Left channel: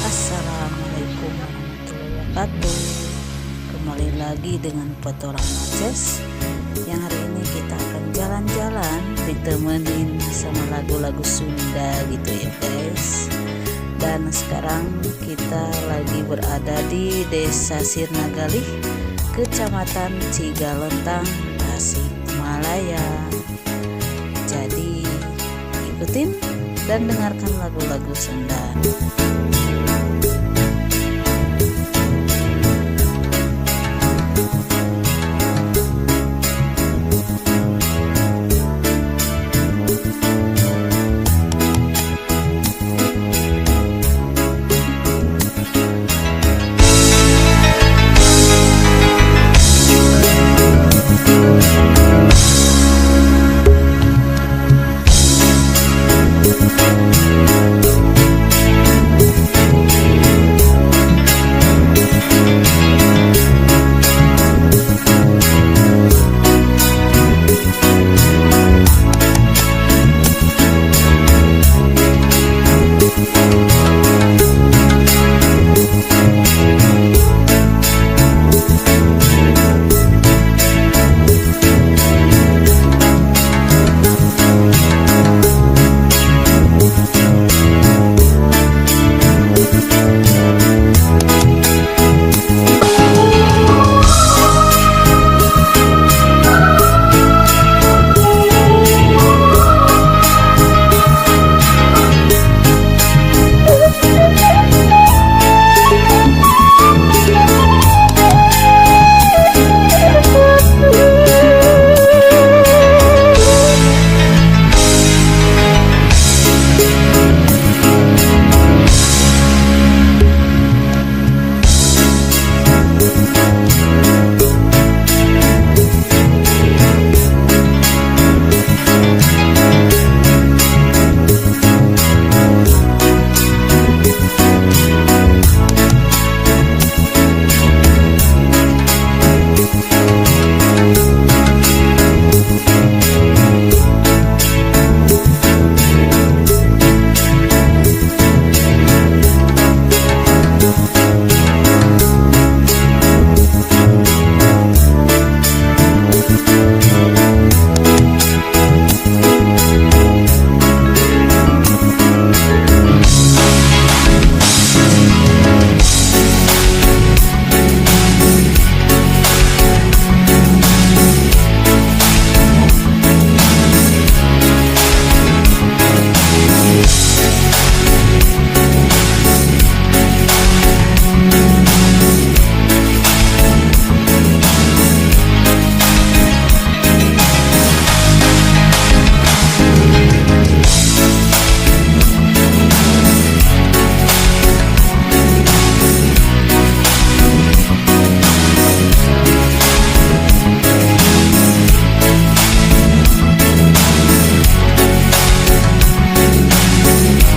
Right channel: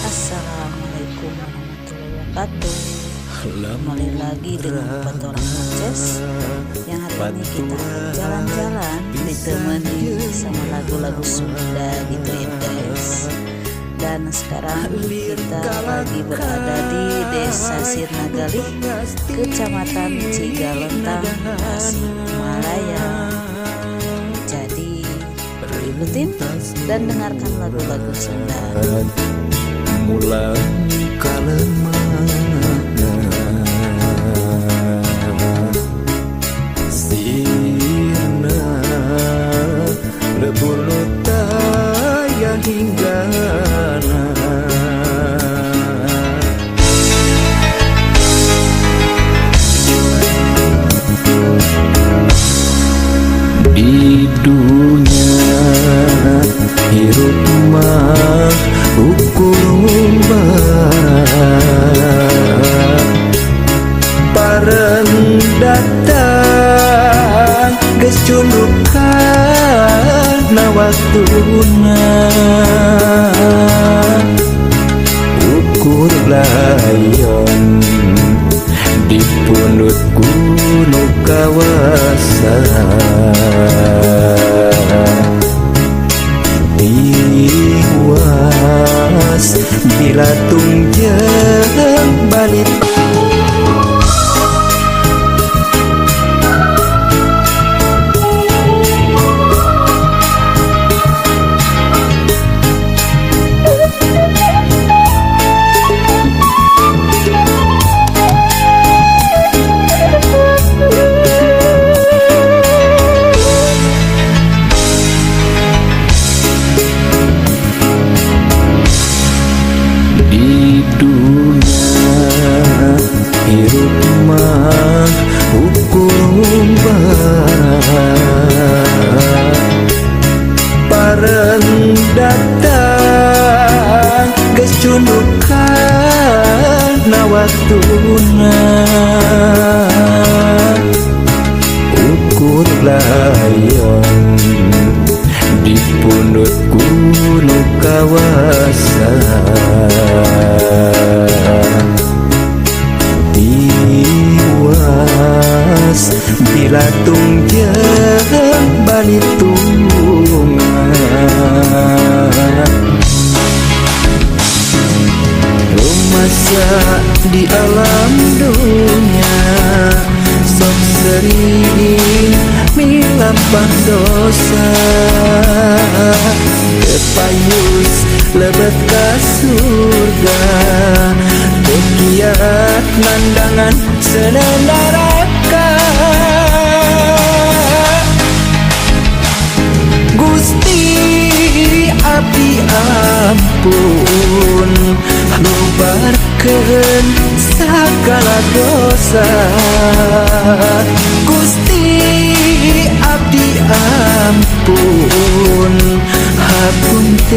Assalamualaikum warahmatullahi wabarakatuh. Kembali lagi dengan Petualang Ngoceh. Yang hari ini kita akan jalan-jalan ditemenin sama lagu-lagu Sunda gitu ya guys. Dan sekarang kita lagi berada di Desa Sirnagalih, Kecamatan Cigalontang, Tasikmalaya. Jadi ikutin dan dengarkan lagu-lagu Sunda. Mula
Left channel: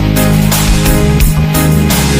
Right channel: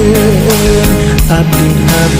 Abdi hapunten